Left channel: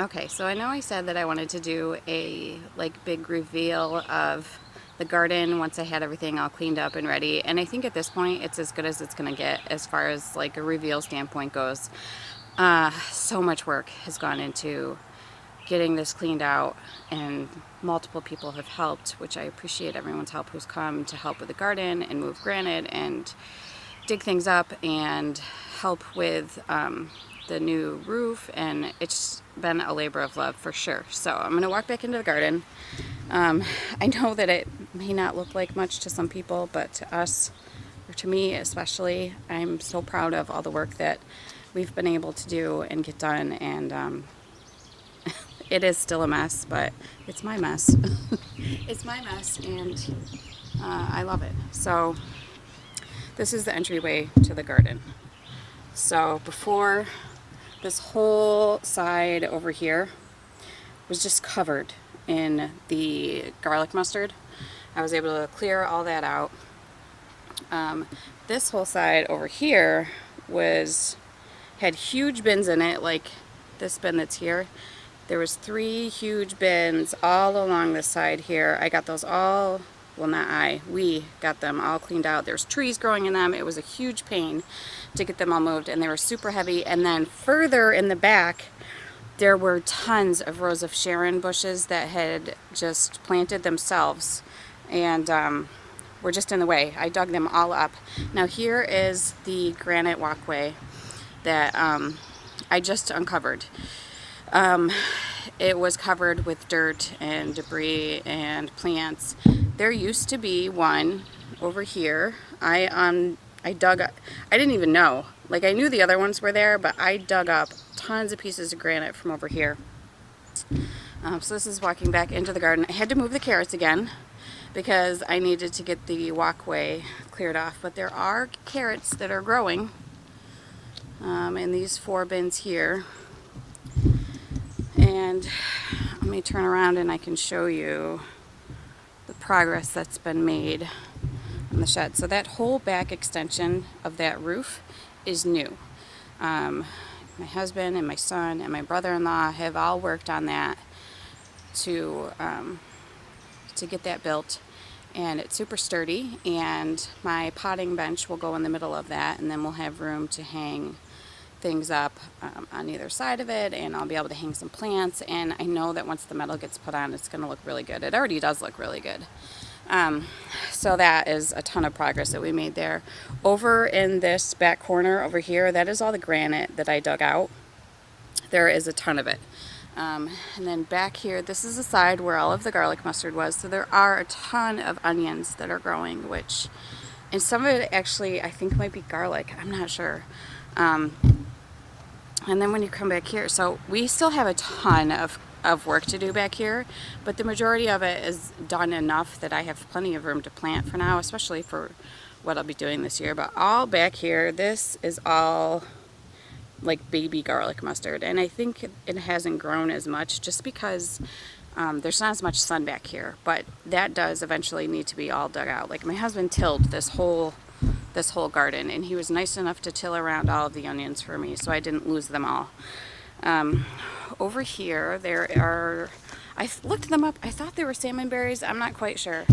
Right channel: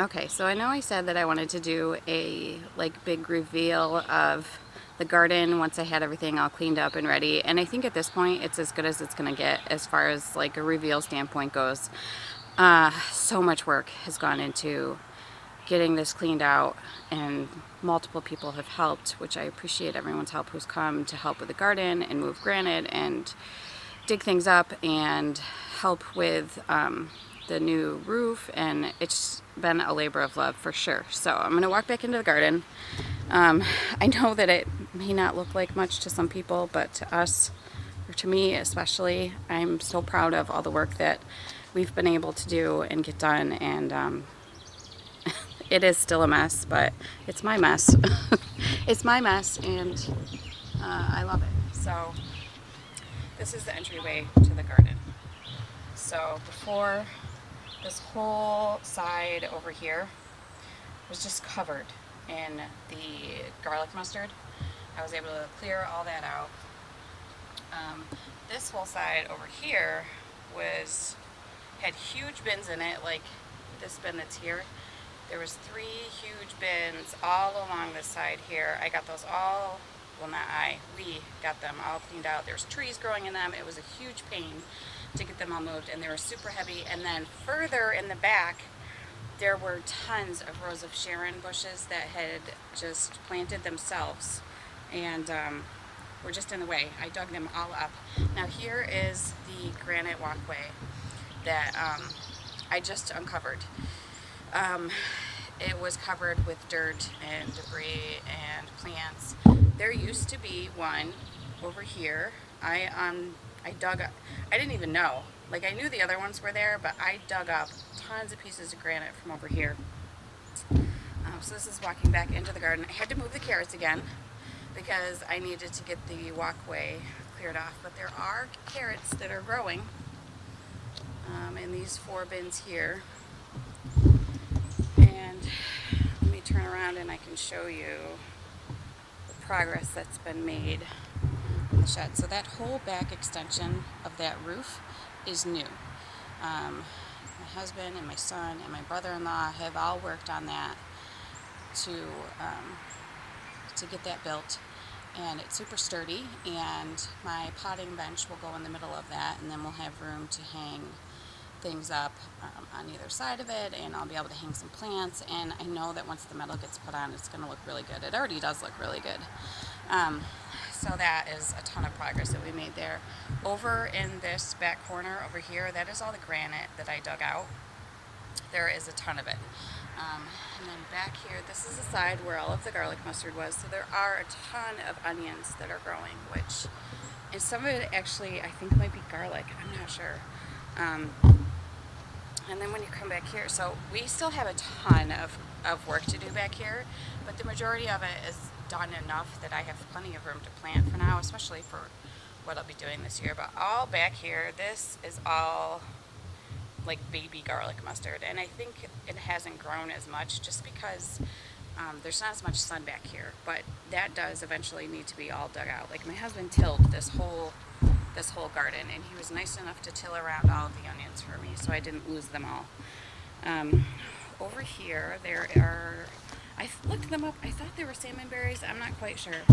Okay, so I know I said that I wanted to do a big reveal of the garden once I had everything all cleaned up and ready, and I think at this point it's as good as it's gonna get as far as like a reveal standpoint goes. So much work has gone into getting this cleaned out, and multiple people have helped, which I appreciate everyone's help who's come to help with the garden and move granite and dig things up and help with the new roof, and it's been a labor of love for sure. So I'm gonna walk back into the garden. I know that it may not look like much to some people, but to us, or to me especially, I'm so proud of all the work that we've been able to do and get done, and it is still a mess, but it's my mess. It's my mess, and I love it. So this is the entryway to the garden. So before, this whole side over here was just covered in the garlic mustard. I was able to clear all that out. This whole side over here had huge bins in it, like this bin that's here. There was 3 huge bins all along this side here. I got those all, well, not I, we got them all cleaned out. There's trees growing in them. It was a huge pain to get them all moved, and they were super heavy. And then further in the back, there were tons of rows of Sharon bushes that had just planted themselves and were just in the way. I dug them all up. Now here is the Granite Walkway that I just uncovered. It was covered with dirt and debris and plants. There used to be one over here. I dug up, I didn't even know. Like, I knew the other ones were there, but I dug up tons of pieces of granite from over here. So this is walking back into the garden. I had to move the carrots again because I needed to get the walkway cleared off. But there are carrots that are growing in these 4 bins here. And let me turn around and I can show you the progress that's been made in the shed. So that whole back extension of that roof is new. My husband and my son and my brother-in-law have all worked on that to get that built, and it's super sturdy, and my potting bench will go in the middle of that, and then we'll have room to hang things up on either side of it, and I'll be able to hang some plants. And I know that once the metal gets put on, it's going to look really good. It already does look really good. So that is a ton of progress that we made there. Over in this back corner over here, that is all the granite that I dug out. There is a ton of it. And then back here, this is the side where all of the garlic mustard was. So there are a ton of onions that are growing, and some of it actually I think might be garlic. I'm not sure. And then when you come back here, so we still have a ton of work to do back here, but the majority of it is done enough that I have plenty of room to plant for now, especially for what I'll be doing this year. But all back here, this is all like baby garlic mustard, and I think it hasn't grown as much just because there's not as much sun back here, but that does eventually need to be all dug out. Like, my husband tilled this whole garden, and he was nice enough to till around all of the onions for me, so I didn't lose them all. Over here, I looked them up. I thought they were salmon berries. I'm not quite sure,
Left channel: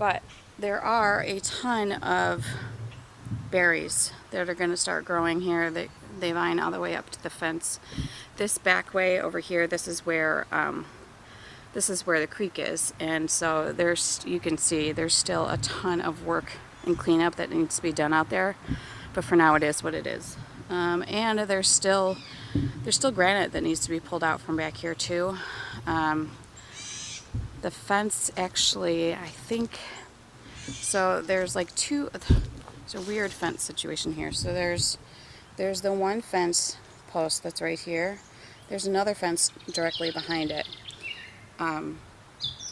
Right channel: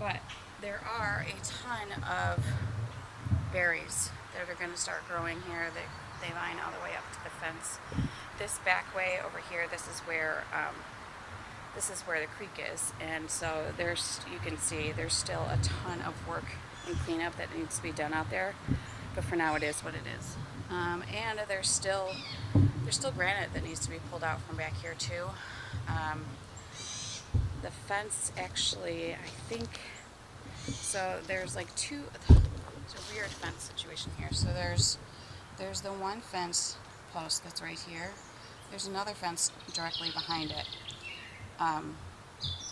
but there are a ton of berries that are going to start growing here. They line all the way up to the fence. This back way over here, this is where the creek is, and so you can see there's still a ton of work and cleanup that needs to be done out there, but for now it is what it is. And there's still granite that needs to be pulled out from back here too. The fence, actually, I think, so there's like it's a weird fence situation here. So there's the one fence post that's right here. There's another fence directly behind it.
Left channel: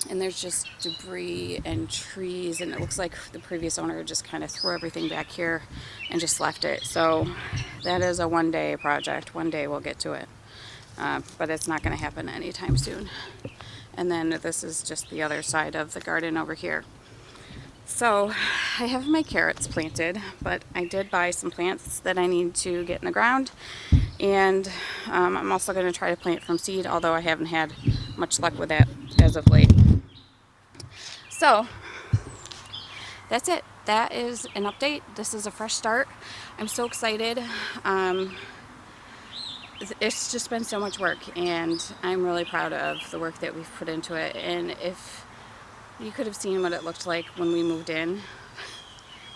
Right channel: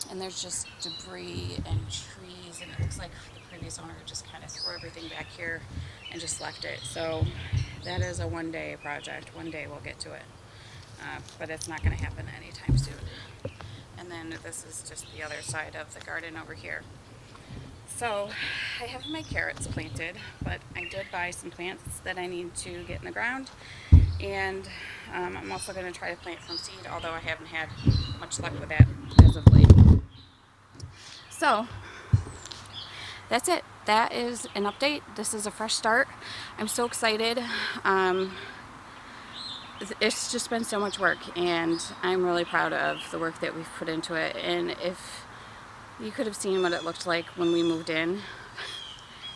And there's just debris and trees, and it looks like the previous owner just kind of threw everything back here and just left it. So that is a one-day project. One day we'll get to it, but it's not going to happen anytime soon. And then this is just the other side of the garden over here. So I have my carrots planted, but I did buy some plants that I need to get in the ground, And I'm also going to try to plant from seed, although I haven't had much luck with that as of late. So that's it. That is an update. This is a fresh start. I'm so excited. It's just been so much work, and I'm really proud of the work that we've put into it. And if you could have seen what it looked like when we moved in,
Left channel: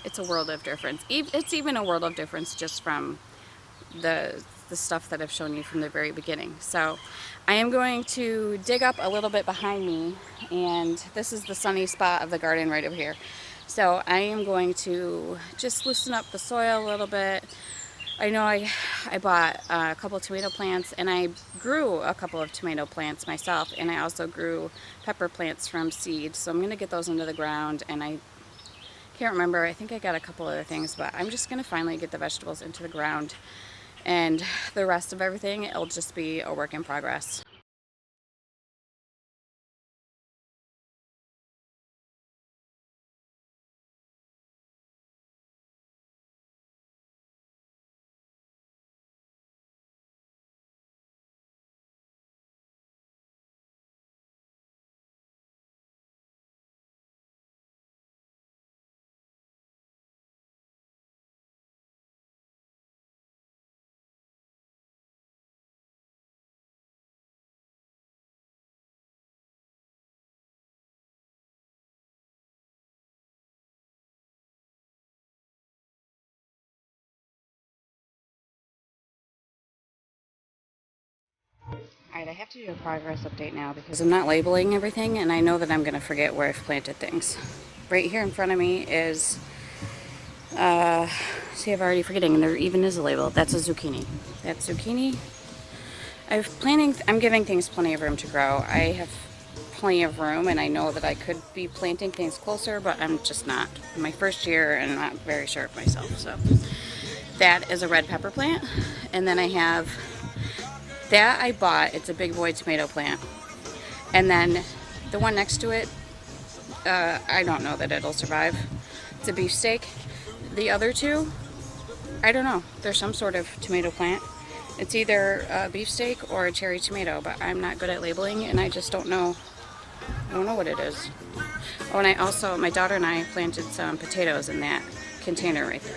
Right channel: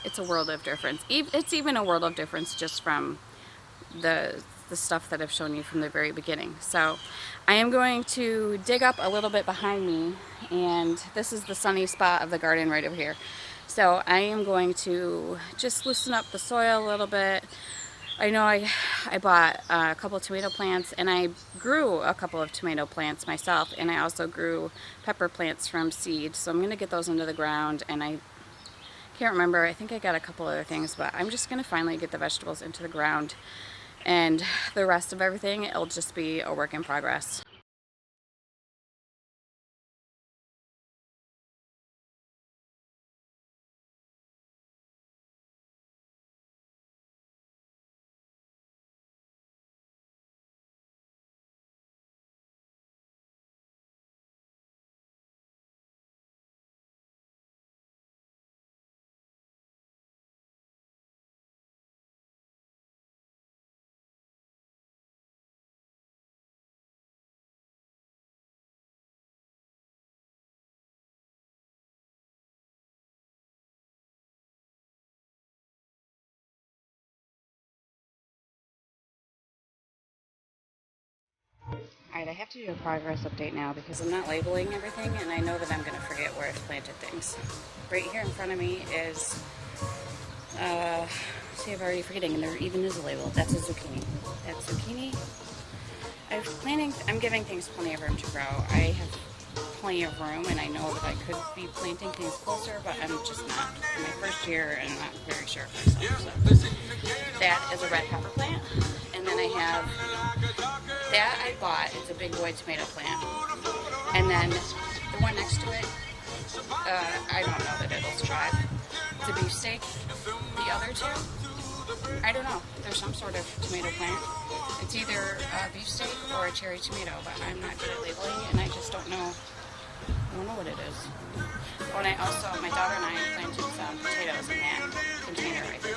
it's a world of difference. It's even a world of difference just from the stuff that I've shown you from the very beginning. So I am going to dig up a little bit behind me, and this is the sunny spot of the garden right over here. So I am going to just loosen up the soil a little bit. I know I bought a couple of tomato plants, and I grew a couple of tomato plants myself, and I also grew pepper plants from seed. So I'm going to get those into the ground, and I can't remember, I think I got a couple other things, but I'm just going to finally get the vegetables into the ground, and the rest of everything, it'll just be a work in progress. Alright, I have to do a progress update now because I'm not labeling everything, and I know that I'm going to forget where I've planted things. Right here in front of me is, see, I'm already forgetting, there even is a label. That's a zucchini. That's zucchini. I'm giving things plenty of room to grow. I have plenty of room, and I know that I could be planting things closer, but I'm just not. In my first year, and I'm not very sure of myself. So that is a red pepper plant, and then I have that I bought. It's a big boy tomato plant, and then the one next to it, I don't know that it'll survive. It's a beefsteak. The other two, I don't know. There's some sort of tomato plant. It's either a beefsteak or a cherry tomato, but I'm not good at labeling, and I just don't know. I don't know what it is. Oh, and my daughter and I planted some potatoes in that container right there.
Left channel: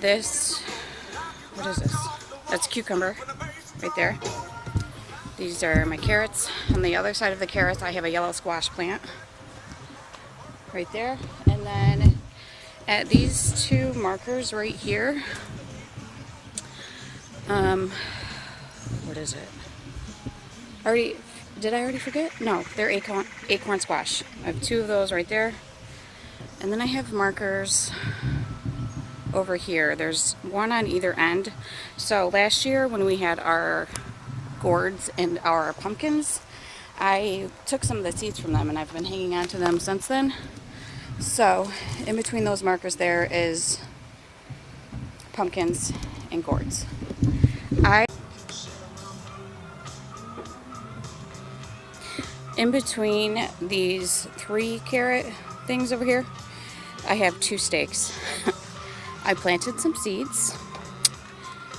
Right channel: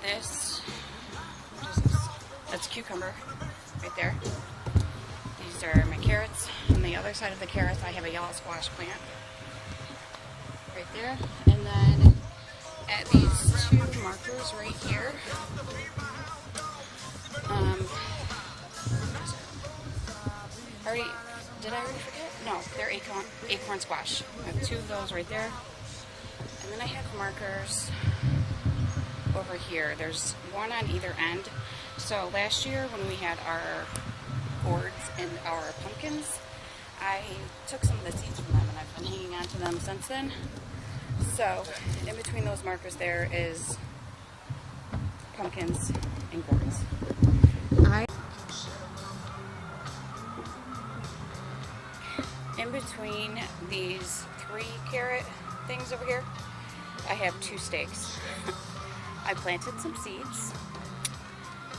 This, what is this? That's cucumber right there. These are my carrots. On the other side of the carrots, I have a yellow squash plant right there. And then at these two markers right here, what is it? Did I already forget? No, they're Acorn Squash. I have two of those right there. And then I have markers over here. There's one on either end. So last year when we had our gourds and our pumpkins, I took some of the seeds from them, and I've been hanging on to them since then. So in between those markers there is pumpkins and gourds. In between these 3 carrot things over here, I have 2 stakes. I planted some seeds.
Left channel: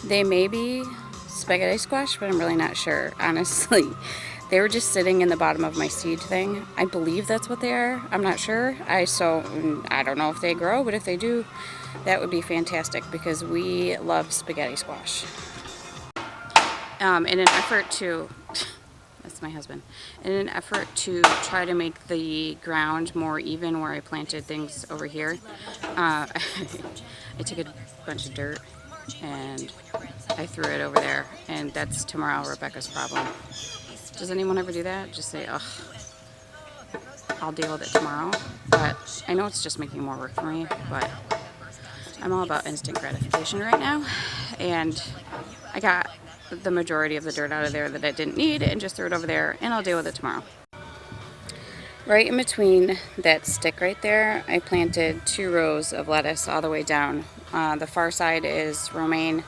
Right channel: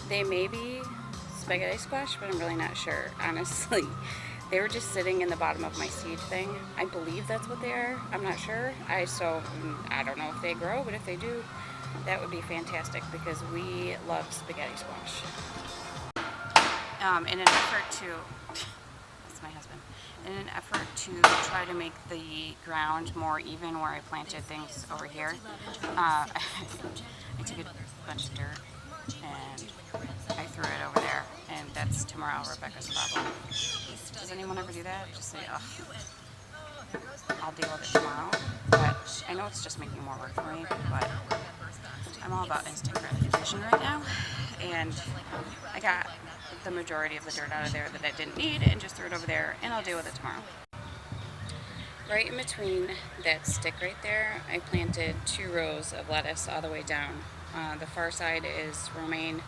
They may be spaghetti squash, but I'm really not sure, honestly. They were just sitting in the bottom of my seed thing. I believe that's what they are. I'm not sure. I don't know if they grow, but if they do, that would be fantastic because we love spaghetti squash. In an effort to, that's my husband, in an effort to try to make the ground more even where I planted things over here, I took a bunch of dirt and I threw it over there, and that's tomorrow Rebecca's problem. Does anyone ever do that? Just say, ugh, I'll deal with it tomorrow. But I know it's just making more work for me, but I'm all about instant gratification right now, and I got the majority of the dirt out of there that it didn't need and just threw it over there, and I'll deal with it tomorrow. Right in between that stick right there, I planted 2 rows of lettuce all the way down. The far side is romaine,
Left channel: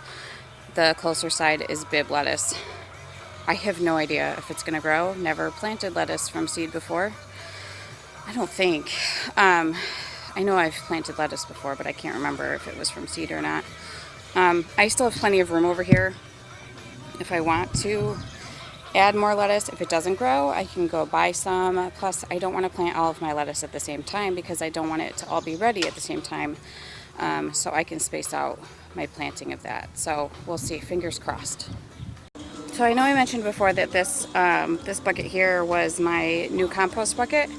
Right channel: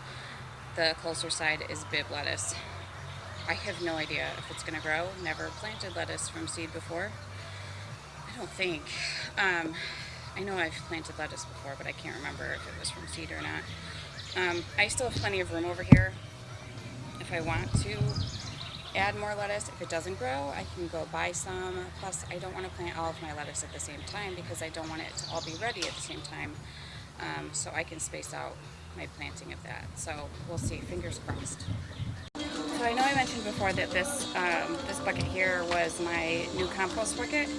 the closer side is Bib lettuce. I have no idea if it's going to grow. Never planted lettuce from seed before. I don't think. I know I've planted lettuce before, but I can't remember if it was from seed or not. I still have plenty of room over here if I want to add more lettuce. If it doesn't grow, I can go buy some. Plus, I don't want to plant all of my lettuce at the same time because I don't want it to all be ready at the same time. So I can space out my planting of that. So we'll see, fingers crossed. So I know I mentioned before that this bucket here was my new compost bucket.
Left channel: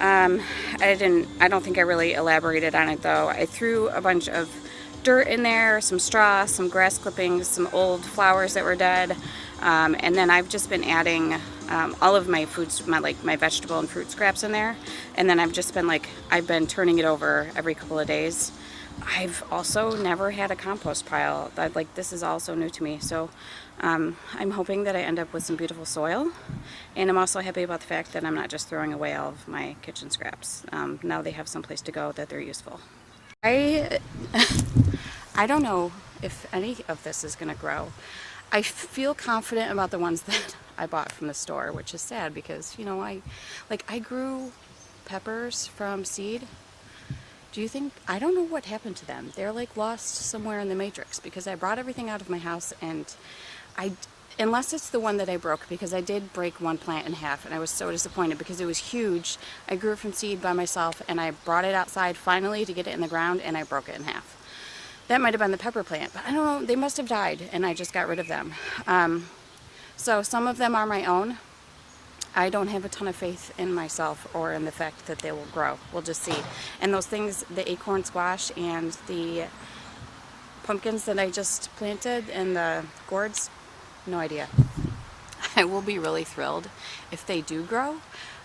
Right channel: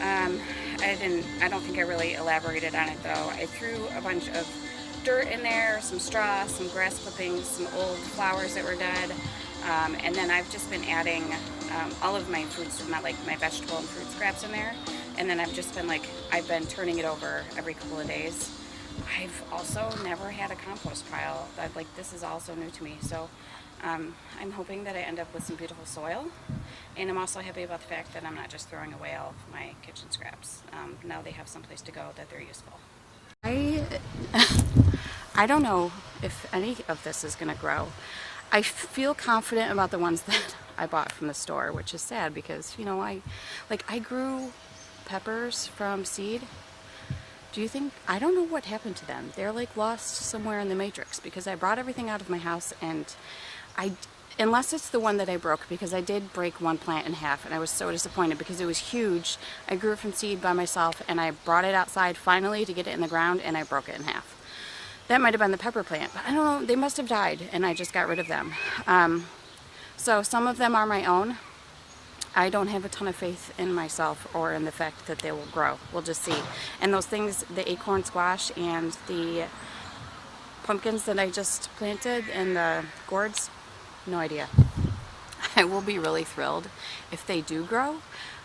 I don't think I really elaborated on it though. I threw a bunch of dirt in there, some straw, some grass clippings, some old flowers that were dead, and then I've just been adding all of my fruits, my vegetable and fruit scraps in there, and then I've been turning it over every couple of days. I've also never had a compost pile. This is also new to me, so I'm hoping that I end up with some beautiful soil, and I'm also happy about the fact that I'm not just throwing away all of my kitchen scraps. Now they have someplace to go that they're useful. I don't know if any of this is going to grow. I feel confident about the ones that I bought from the store, which is sad because, you know, I grew peppers from seed. Do you think, I don't know what happened to them. They're like lost somewhere in the matrix because I brought everything out of my house, and unless it's the one that I broke, because I did break one plant in half and I was so disappointed because it was huge. I grew it from seed by myself and I brought it outside finally to get it in the ground and I broke it in half. That might have been the pepper plant, but I don't know, they must have died and I just got rid of them. So some of them are my own. I don't have a ton of faith in myself or in the fact that they will grow. We'll just see. And those things, the acorn squash and the pumpkins that I just planted and the gourds, no idea. I will be really thrilled if they do grow,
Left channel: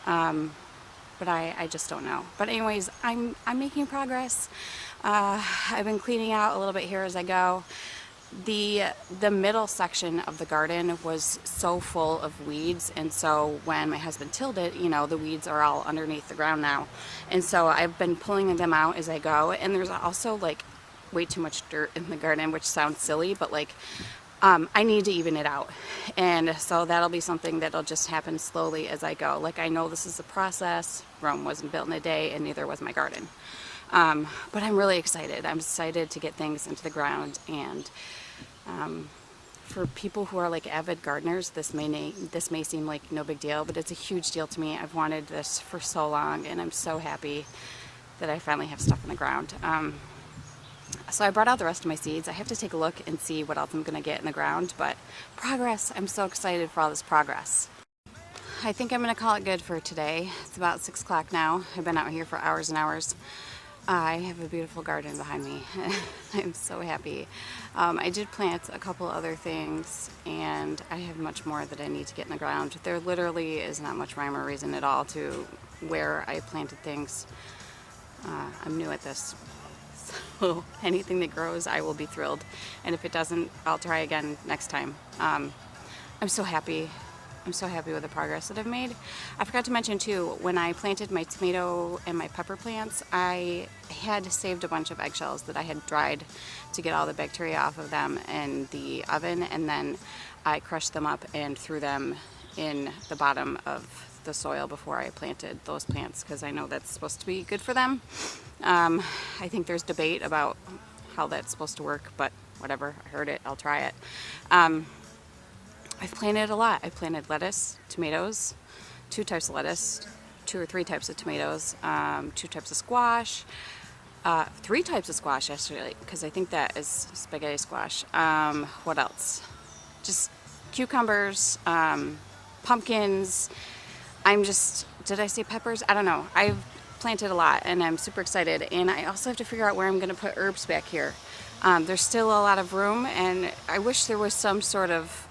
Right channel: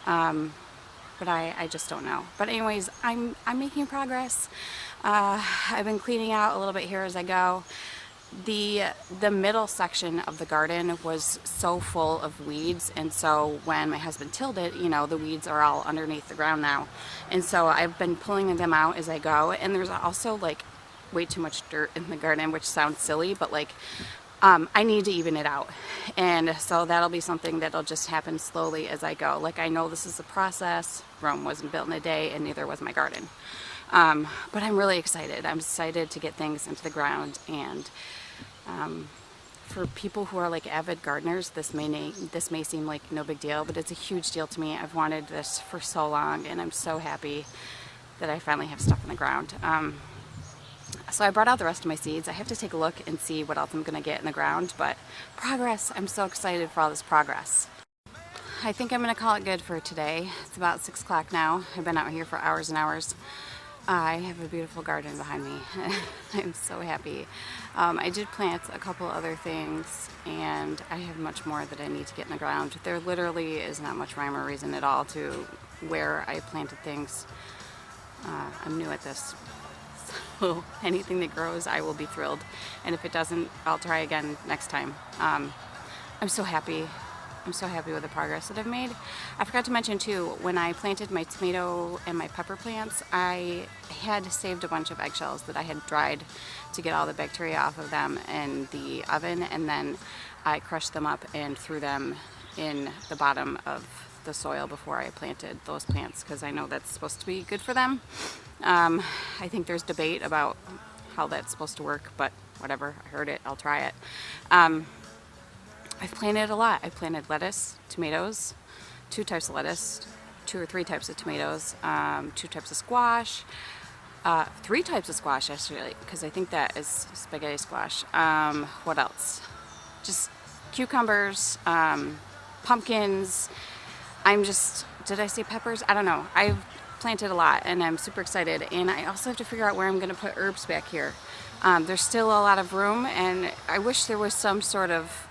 but I just don't know. But anyways, I'm making progress. I've been cleaning out a little bit here as I go. The middle section of the garden was so full of weeds, and so when my husband tilled it, you know, the weeds are all underneath the ground now, and so I've been pulling them out as I go. And there's also like way too much dirt in the garden, which sounds silly, but like I need to even it out, and so that'll be something that'll just happen slowly as I go. Like, I know this is a process. Rome wasn't built in a day, and neither was my garden. But I'm really excited. I'm excited to get things into the ground, and for people who are like avid gardeners, this may seem like no big deal, but it's a huge deal to me. I've wanted this for so long, and I'm so happy that I finally have stuff in the ground. So I brought out the rest of my seeds. I have to take a look and see what else I'm going to get in the ground, but progress. I'm so excited for all this progress. I think I'm going to call it good for today. It's about 6 o'clock now. I've been out here for hours and hours. I have a beautiful garden behind me. I'm so happy. I did plant a couple other things, and I have much more that I need to get in the ground. There literally is not much rhyme or reason at all to where I planted things. I'm new at this. So anything that grows, I will be thrilled. And if it doesn't, I'll try again next time. I'm so happy. I'm so happy with the progress that I've made. I forgot to mention too, when I planted my tomato and my pepper plants, I had saved a bunch of eggshells that I had dried to get all the bacteria off of them in the oven, and then I crushed them up and threw them in the bottom of the soil before I planted those plants, because I know that's supposed to be good for them. I think there's debate about how that's supposed to work, but whatever, I heard it, I'll try it. I've planted a lot. I've planted lettuce, tomatoes, 2 types of lettuce, 2 or 3 types of tomatoes, 2 types of squash, 3 types of squash actually, because I think that is spaghetti squash. What else? Just cucumbers, pumpkins. Did I say peppers? I don't know. I've planted a lot and I'm super excited, and I also have to figure out where I'm going to put herbs back here. There's still a lot of room, and I wish there was some sort of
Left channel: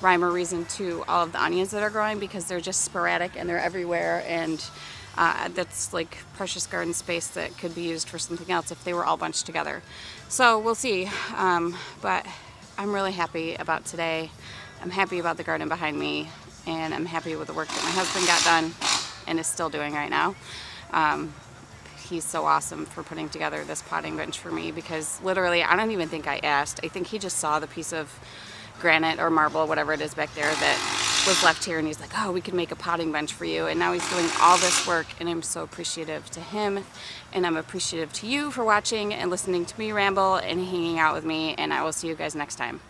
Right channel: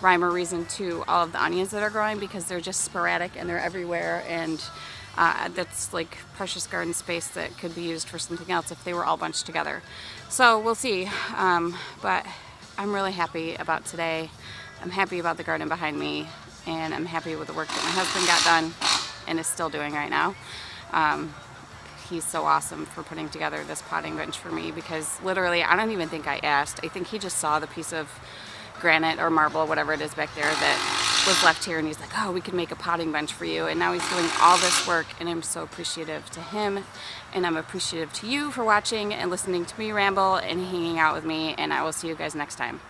rhyme or reason to all of the onions that are growing, because they're just sporadic and they're everywhere, and that's like precious garden space that could be used for something else if they were all bunched together. So we'll see, but I'm really happy about today. I'm happy about the garden behind me, and I'm happy with the work that my husband got done and is still doing right now. He's so awesome for putting together this potting bench for me, because literally I don't even think I asked. I think he just saw the piece of granite or marble, whatever it is back there, that was left here, and he's like, oh, we could make a potting bench for you. And now he's doing all this work, and I'm so appreciative to him, and I'm appreciative to you for watching and listening to me ramble and hanging out with me, and I will see you guys next time.